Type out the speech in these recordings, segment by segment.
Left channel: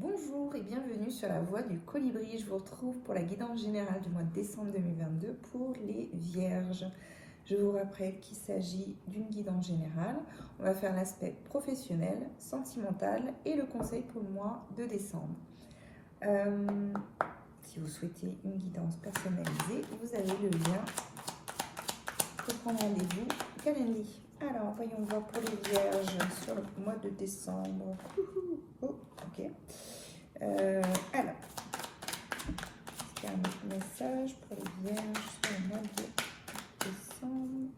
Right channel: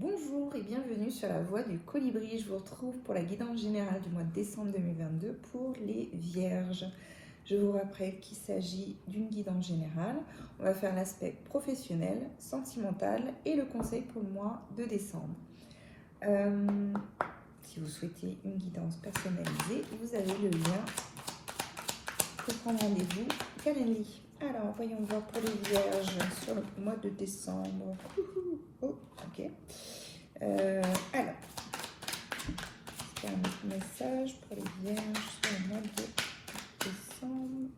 Bonjour et bienvenue sur la voie du colibri. Je vous retrouve pour la guidance générale du mois de décembre 2022 pour les vierges. Je vous rappelle qu'il s'agit d'une guidance générale. On va faire l'aspect professionnel, sentimental et le conseil pour le mois de décembre. Si vous souhaitez une guidance personnalisée, vous avez le lien pour prendre rendez-vous Calendly. Alors, voyons voir pour les vierges sur le mois de décembre. Oh, ok. Alors, il y a un autre message pour les vierges sur le mois de décembre.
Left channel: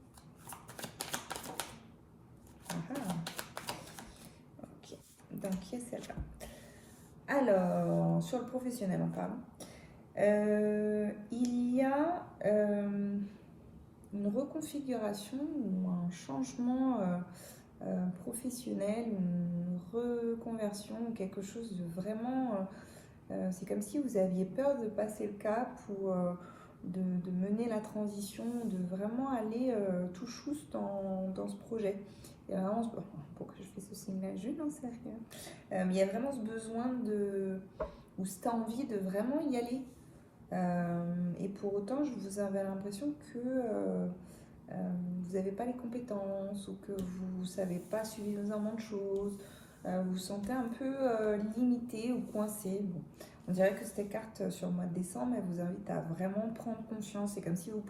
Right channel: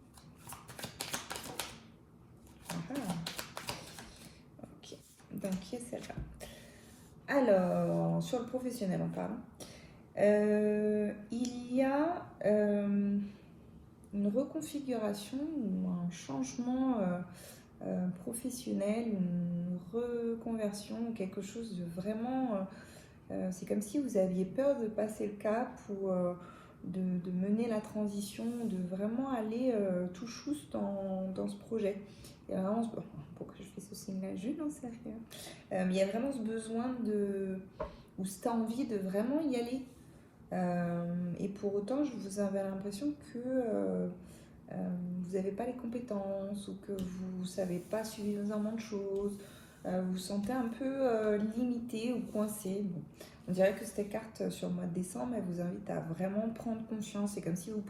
Ok, donc qui est celle-là? Alors, sur le professionnel, on parle. Il y a une reconfiguration ou un changement professionnel, une reconversion, quelque chose de vraiment... c'est comme si vous aviez peur de passer le cap ou de mener la transition, de vraiment aller tout chousse dans ce projet. Il y a vraiment pourquoi je fais ce signe-là? Je n'en sais rien. Il y a vraiment ce besoin ou cette envie de vraiment y aller. Et pour autant, je vous avais l'impression que vous n'avez pas les compétences ou que vous ne savez pas suffisamment de choses. Vous vous sentez un peu limité ou coincé. Bon. On dirait que cette carte sur le mois de décembre, elle vous invite à vraiment prendre conscience. C'est comme si vous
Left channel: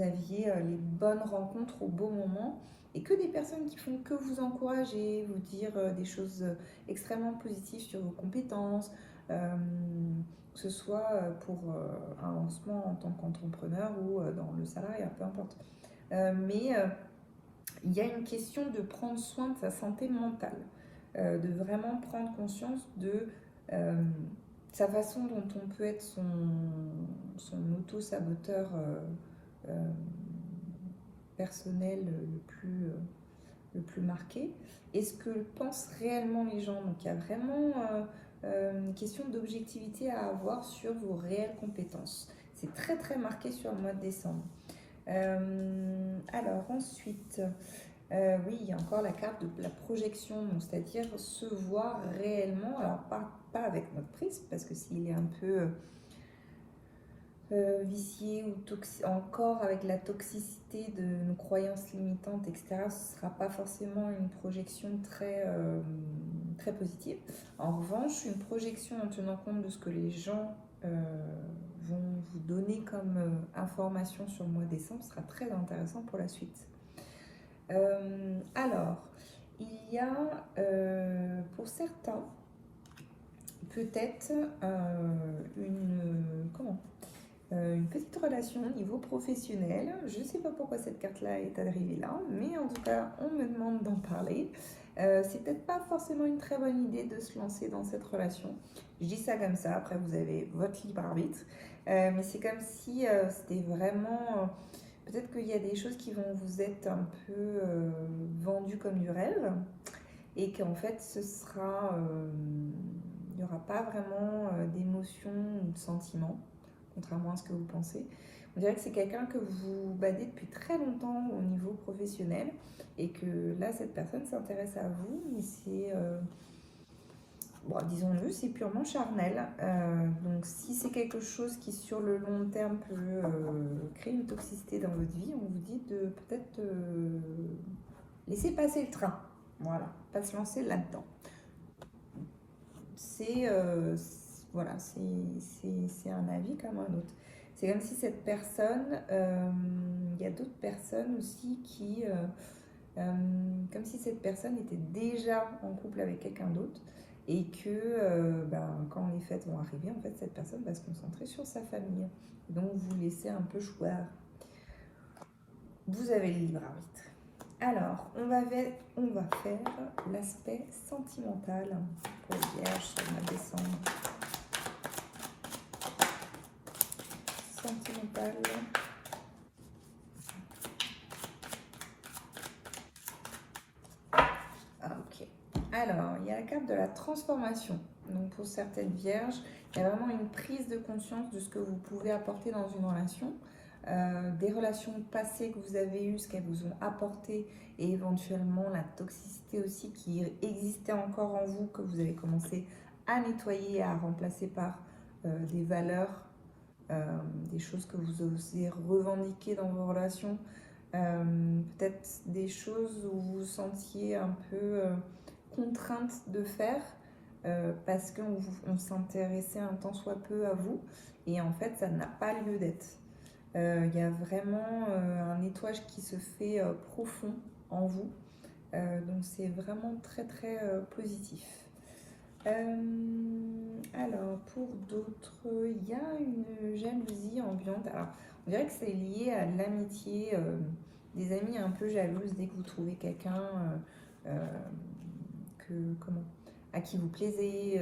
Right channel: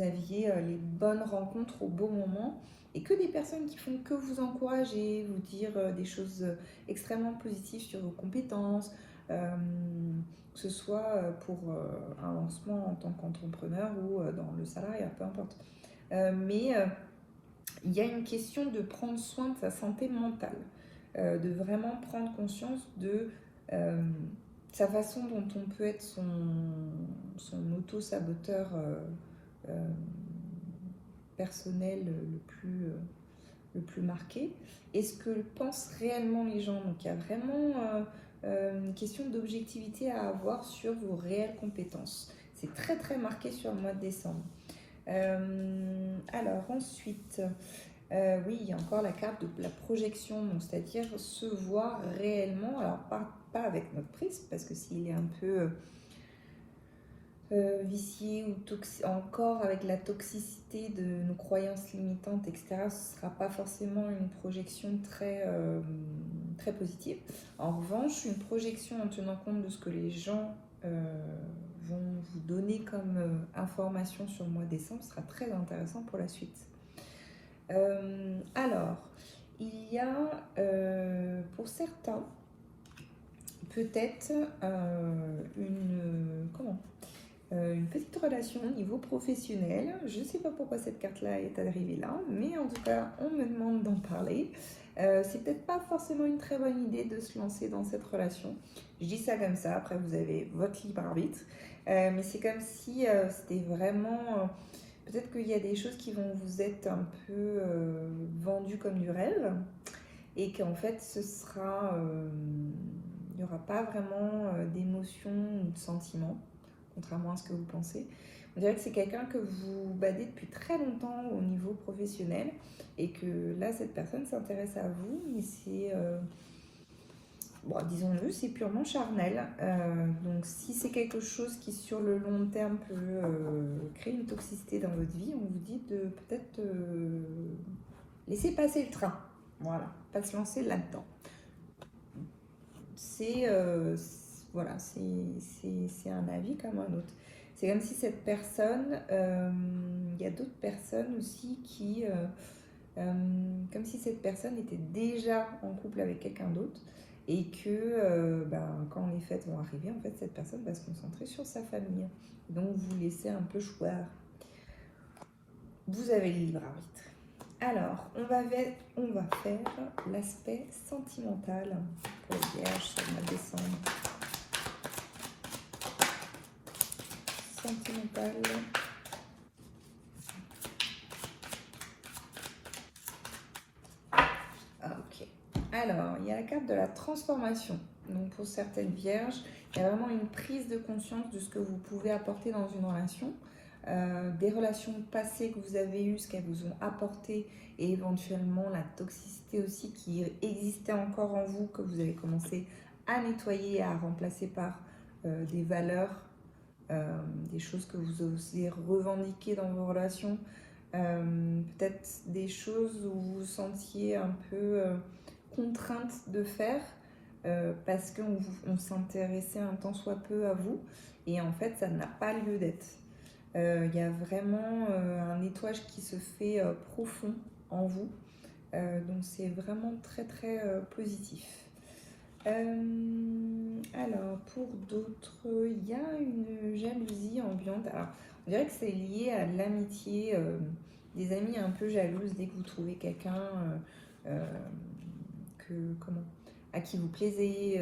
aviez les bonnes rencontres au bon moment et que des personnes qui font que vous encourager, vous dire des choses extrêmement positives sur vos compétences, que ce soit pour un lancement en tant qu'entrepreneur ou dans le salariat, peu importe. Mais il y a une question de prendre soin de sa santé mentale, de vraiment prendre conscience de sa façon dont on peut être son auto-saboteur personnel le plus marqué. Et ce que pensent réellement les gens. Donc il y a vraiment une question d'objectivité à avoir sur vos réelles compétences. C'est très très marqué sur le mois de décembre. Alors ensuite, oui, il y a encore la carte de la projection, c'est-à-dire se voir réellement, alors pas avec notre prisme, parce que s'il est un peu vicié ou encore avec la toxicité de nos croyances limitantes, etc., ce ne sera pas forcément une projection très positive. En revanche, une projection en tenant compte de ce que les gens vont vous donner comme information sur le mois de décembre sera très intéressant pour la suite. Alors, il y a pour certains peut-être une petite relation au niveau professionnel. Je ne sais pas pourquoi cette carte-là est arrivée là, mais en tout cas, on me demande d'en parler. C'est peut-être pas forcément une très bonne idée de se lancer dans cette relation. Je dis ça comme ça, après vous avez votre libre arbitre. Mais c'est comme si c'était vraiment... peut-être qu'il y a des choses qui vont vous être un peu vendues comme du rêve et qu'en fait, il n'y aura pas vraiment d'émotion ou de sentiment, contrairement à ce que vous pensez. On dirait que c'est quelqu'un que vous badez depuis très longtemps au niveau professionnel et que là, cette personne s'intéresse à vous, mais c'est, bon, disons-le, c'est purement charnel. Donc, si c'est quelque chose qui, sur le long terme, peut créer une toxicité dans votre vie, on vous dit de peut-être laisser passer le train. Voilà, pas se lancer là-dedans. Voilà, c'est un avis comme un autre. C'est comme si cette personne, il y a d'autres personnes aussi qui, comme si cette personne était déjà en couple avec quelqu'un d'autre et que quand les fêtes vont arriver, en fait, cette personne va se concentrer sur sa famille. Donc, vous laissez un peu choisir. Vous avez le libre arbitre. Alors, on va faire l'aspect sentimental pour les vierges sur le mois de décembre. Sentimental. Ok. Alors, il y a la carte de la transformation. Donc, pour certaines vierges, il y a vraiment une prise de conscience de ce que vous pouvez apporter dans une relation. Des relations passées que vous avez eues, ce qu'elles vous ont apporté et éventuellement la toxicité aussi qui existait encore en vous, que vous avez commencé à nettoyer, à remplacer par des valeurs, des choses que vous osez revendiquer dans vos relations, peut-être des choses où vous vous sentiez un peu contrainte de faire parce qu'on s'intéressait un tant soit peu à vous et en fait ça n'a pas lieu d'être. Il y a vraiment un nettoyage qui se fait profond en vous, donc c'est vraiment très très positif. Alors pour d'autres, il y a une jalousie ambiante. Alors on dirait que c'est lié à l'amitié, des amis un peu jalouses dès que vous trouvez quelqu'un à qui vous plaisez,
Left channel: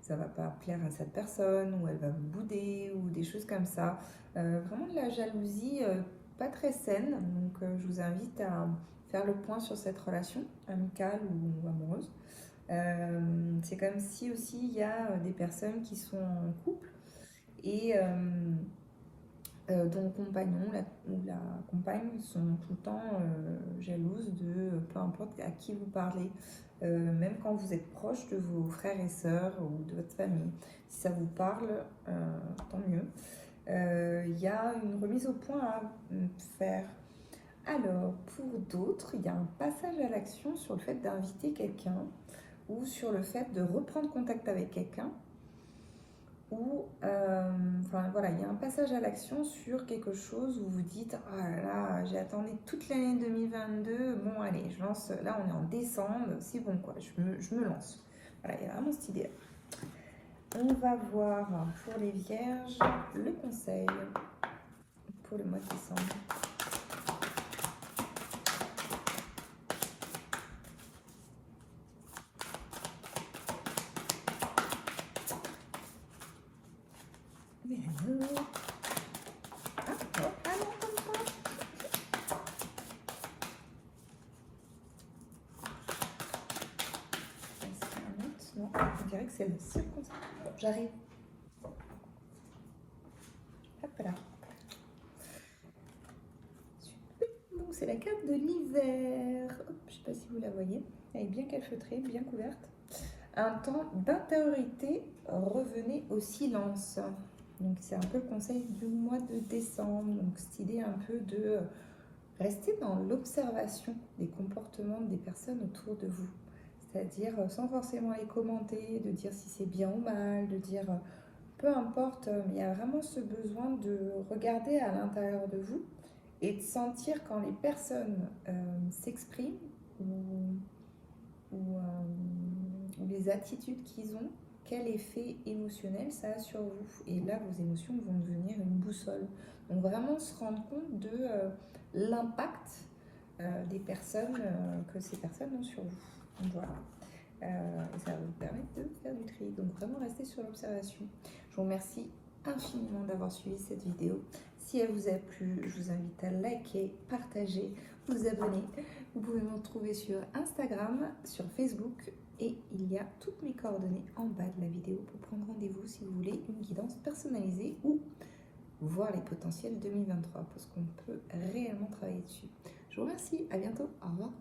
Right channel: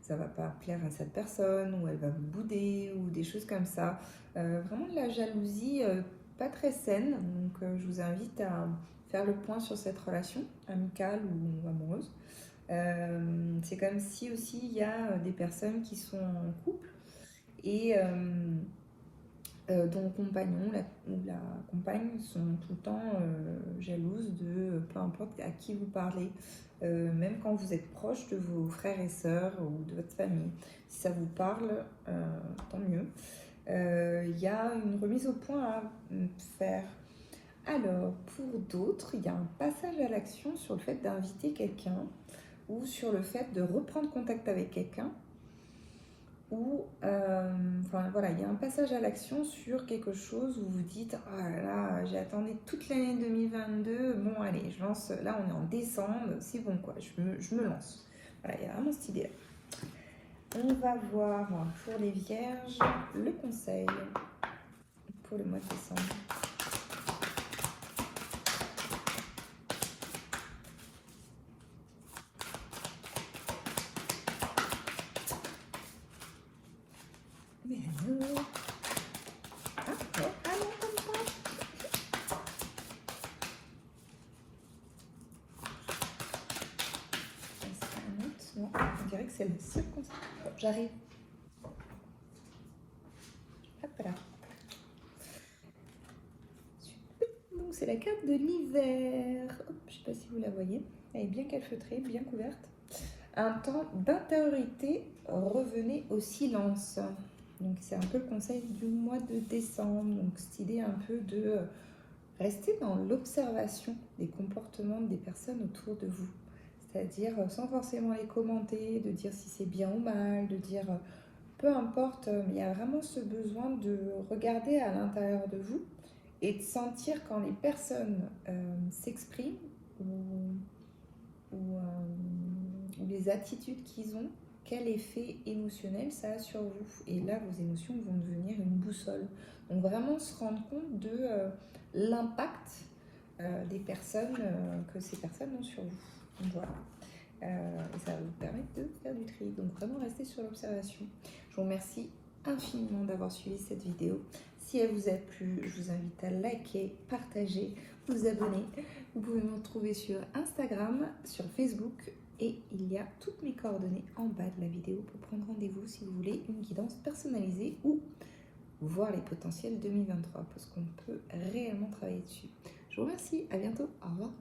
ça va pas plaire à cette personne ou elle va vous bouder ou des choses comme ça. Vraiment de la jalousie pas très saine, donc je vous invite à faire le point sur cette relation amicale ou amoureuse. C'est comme si aussi il y a des personnes qui sont en couple et dont le compagnon ou la compagne sont tout le temps jalouses de peu importe à qui vous parlez, même quand vous êtes proche de vos frères et sœurs ou de votre famille. Si ça vous parle, tant mieux. Il y a une remise au point à faire. Alors, pour d'autres, il y a un passage à l'action sur le fait d'inviter quelqu'un ou sur le fait de reprendre contact avec quelqu'un ou enfin voilà, il y a un passage à l'action sur quelque chose où vous dites ah là là, j'ai attendu toute l'année 2022, bon allez, je lance, là on est en décembre, c'est bon quoi, je me lance. Voilà, il y a vraiment cette idée. On va voir pour les vierges le conseil pour le mois de décembre. Mais alors... Ah, oh, ah non, comme ça. C'est un autre, non, on dirait que c'est le seul conseil. Bon, j'arrive. Hop là. Donc c'est la carte de l'hiver. Je ne sais pas si vous la voyez. Elle est bien calfeutrée, bien couverte. Un temps d'intériorité, revenez au silence. Donc c'est un peu le conseil du mois de décembre. Donc cette idée un peu de rester dans l'observation des comportements des personnes autour de vous. C'est-à-dire sans forcément les commenter, de dire si c'est bien ou mal, de dire peu importe, mais il y a vraiment ce besoin de regarder à l'intérieur de vous et de sentir quand les personnes s'expriment ou les attitudes qu'ils ont, quel effet émotionnel ça a sur vous. Et là, vos émotions vont devenir une boussole. Donc vraiment se rendre compte de l'impact des personnes que ces personnes ont sur vous. Donc voilà. Et ça va vous permettre de faire du tri. Donc vraiment rester sur l'observation. Je vous remercie infiniment d'avoir suivi cette vidéo. Si elle vous a plu, je vous invite à liker, partager, vous abonner. Vous pouvez me retrouver sur Instagram, sur Facebook et il y a toutes mes coordonnées en bas de la vidéo pour prendre rendez-vous si vous voulez une guidance personnalisée ou voir les potentiels 2023 parce qu'on peut réellement travailler dessus. Je vous remercie, à bientôt, au revoir.